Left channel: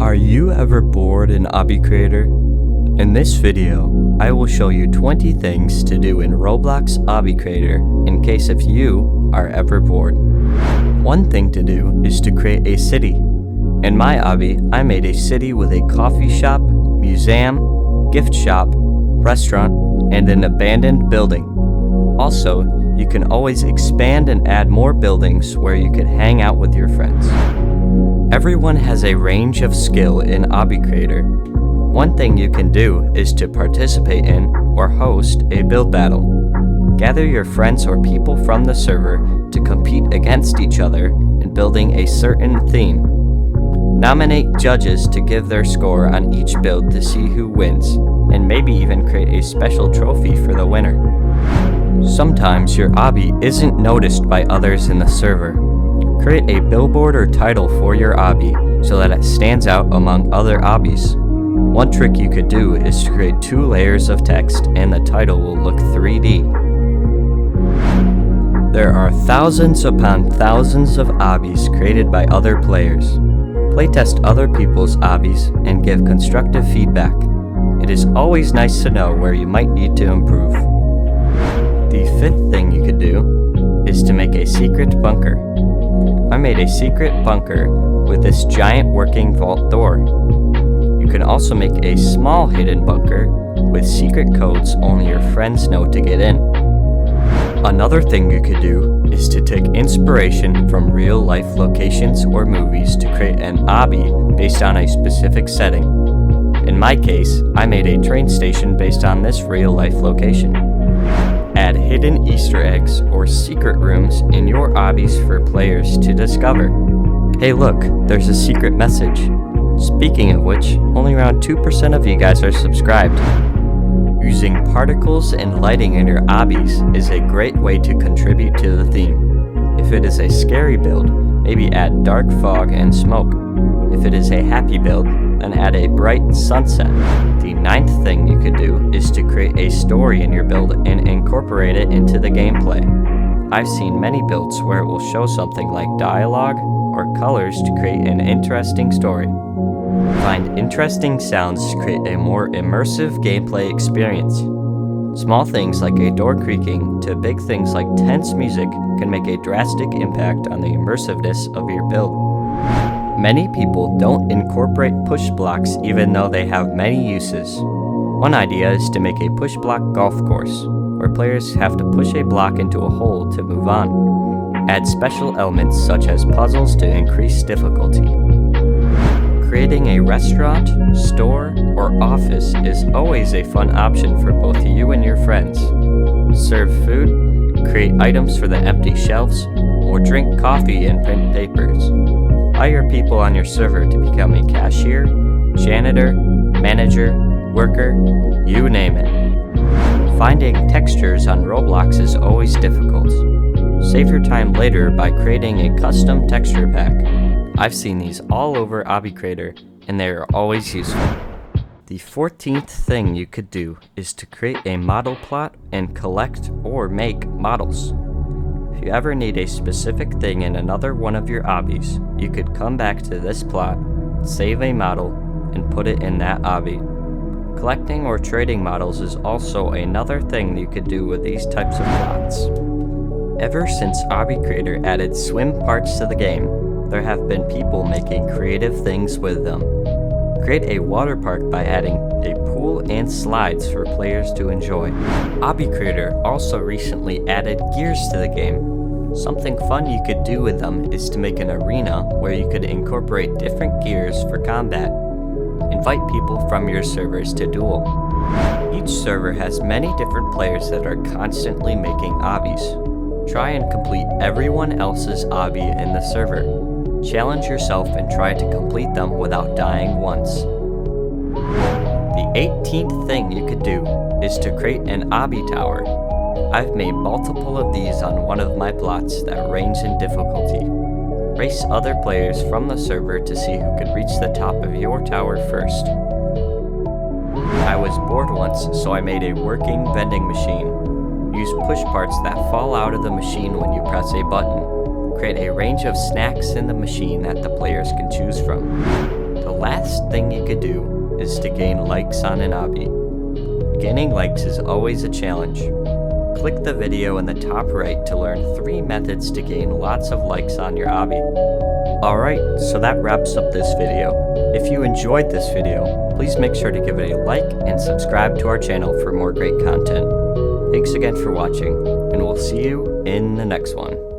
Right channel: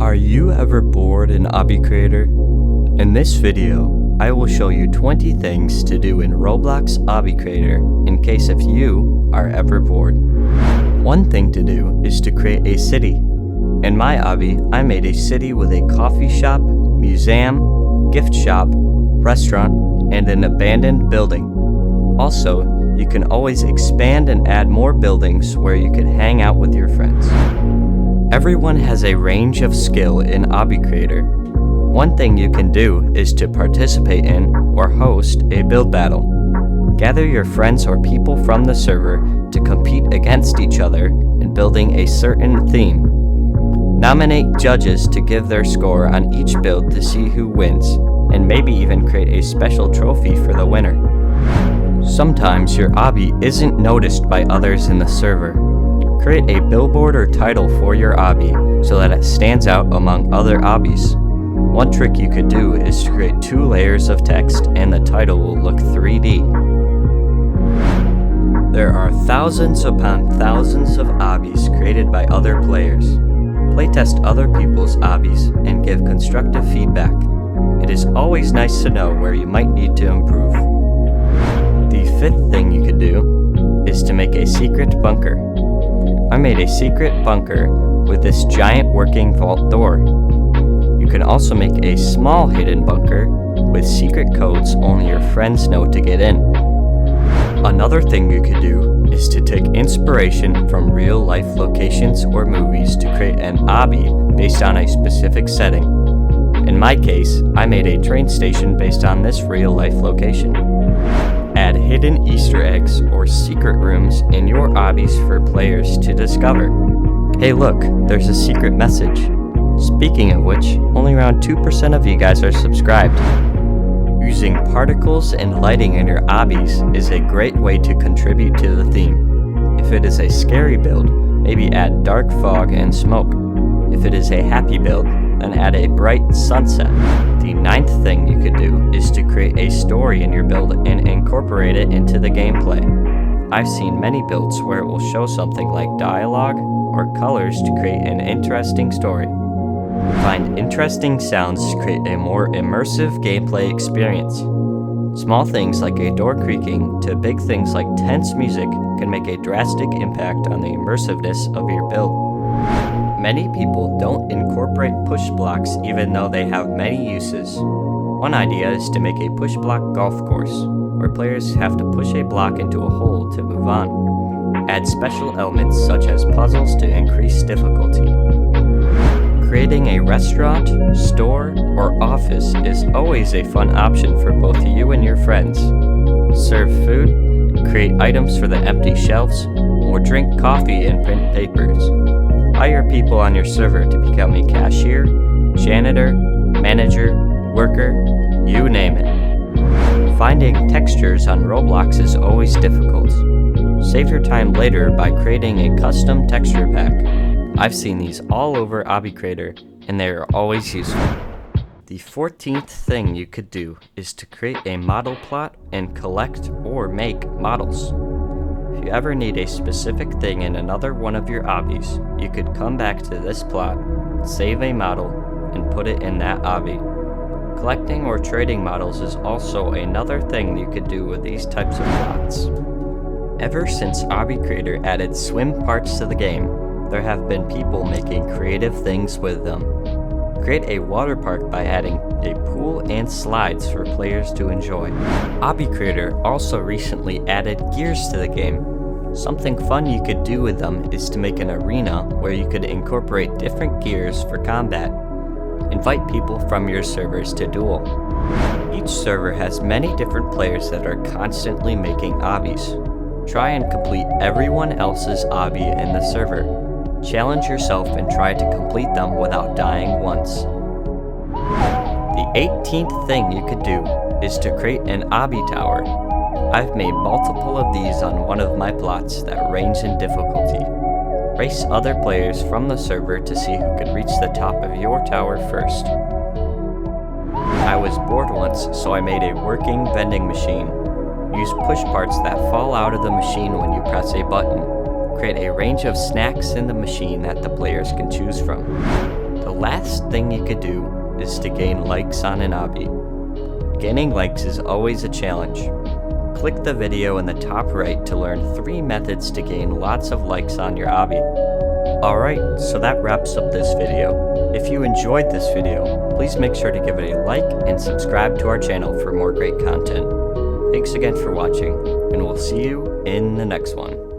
Are you ever bored in Obby Creator? In this video, I will show you 20 things to do in Roblox Obby Creator in case if you are ever bored. One thing to do is to create a city. In my obby, I made a city with a coffee shop, museum, gift shop, restaurant, and an abandoned building. Also, you can always expand and add more buildings where you could hang out with your friends. Everyone has a range of skill in Obby Creator. One thing you can do is to participate in or host a build battle. Gather your friends or people from the server to compete against each other in building a certain theme. Nominate judges to give their score on each build to see who wins, and maybe even create a special trophy for the winner. Sometimes your obby isn't noticed by others in the server. Create a billboard or title for your obby so that it stands out among other obbies. One trick you could do is to create 2 layers of text and the title will look 3D. There are thousands upon thousands of obbies created by other players. Playtest other people's obbies and give constructive feedback. It is always nice to know where you might need to improve. The 5th thing you could do is to make a secret bunker. I made a secret bunker with this giant working vault door. You can also make a small hidden bunker with secret codes only your friends know to get in. Another thing you could do is to take inspiration from real life locations or movies to create an obby based on a specific setting. In my case, I made a train station based on this real life location. Add hidden Easter eggs or secret rooms in your obbies for players to discover. Hey look, there's a secret message. Speaking of which, only around 2% of you guys are subscribed. Using particles and lighting in your obbies is a great way to contribute to the theme. If it is a scary build, maybe add dark fog and smoke. If it is a happy build, then add a bright sunset. The 9th thing you could do is to create a story in your build and incorporate it into the gameplay. I've seen many builds where it will show something like dialogue or colors to create an interesting story. Find interesting sounds to create a more immersive gameplay experience. Small things like a door creaking to big things like tense music can make a drastic impact on the immersiveness of your build. Many people don't incorporate push blocks even though they have many uses. One idea is to make a push block golf course, where players have to push a block into a hole to move on. Add special elements such as puzzles to increase difficulty. Creating a restaurant, store, or office is always a fun option for both you and your friends. Serve food, create items for the empty shelves, or drink coffee and print papers. Hire people on your server to become a cashier, janitor, manager, worker, you name it. Finding textures on Roblox is always difficult. Save your time later by creating a custom texture pack. I've seen these all over Obby Creator and they are always useful. The 14th thing you could do is to create a model plot and collect or make models. If you ever need a specific thing in another one of your obbies, you could come back to this plot, save a model, and put it in that obby. Collecting or trading models is also another thing you could do with these types of plots. Ever since Obby Creator added swim parts to the game, there have been people making creative things with them. Create a water park by adding a pool and slides for players to enjoy. Obby Creator also recently added gears to the game. Something fun you could do with them is to make an arena where you could incorporate different gears for combat. Invite people from your servers to duel. Each server has many different players that are constantly making obbies. Try and complete everyone else's obby in the server. Challenge yourself and try to complete them without dying once. The 18th thing you could do is to create an obby tower. I've made multiple of these on one of my plots that range in difficulty. Race other players from the server to see who could reach the top of your tower first. I was bored once, so I made a working vending machine. Use push parts that fall out of the machine when you press a button. Create a range of snacks in the machine that the players can choose from. The last thing you could do is to gain likes on an obby. Gaining likes is always a challenge. Click the video in the top right to learn 3 methods to gain lots of likes on your obby. Alright, so that wraps up this video. If you enjoyed this video, please make sure to give it a like and subscribe to our channel for more great content. Thanks again for watching, and we'll see you in the next one.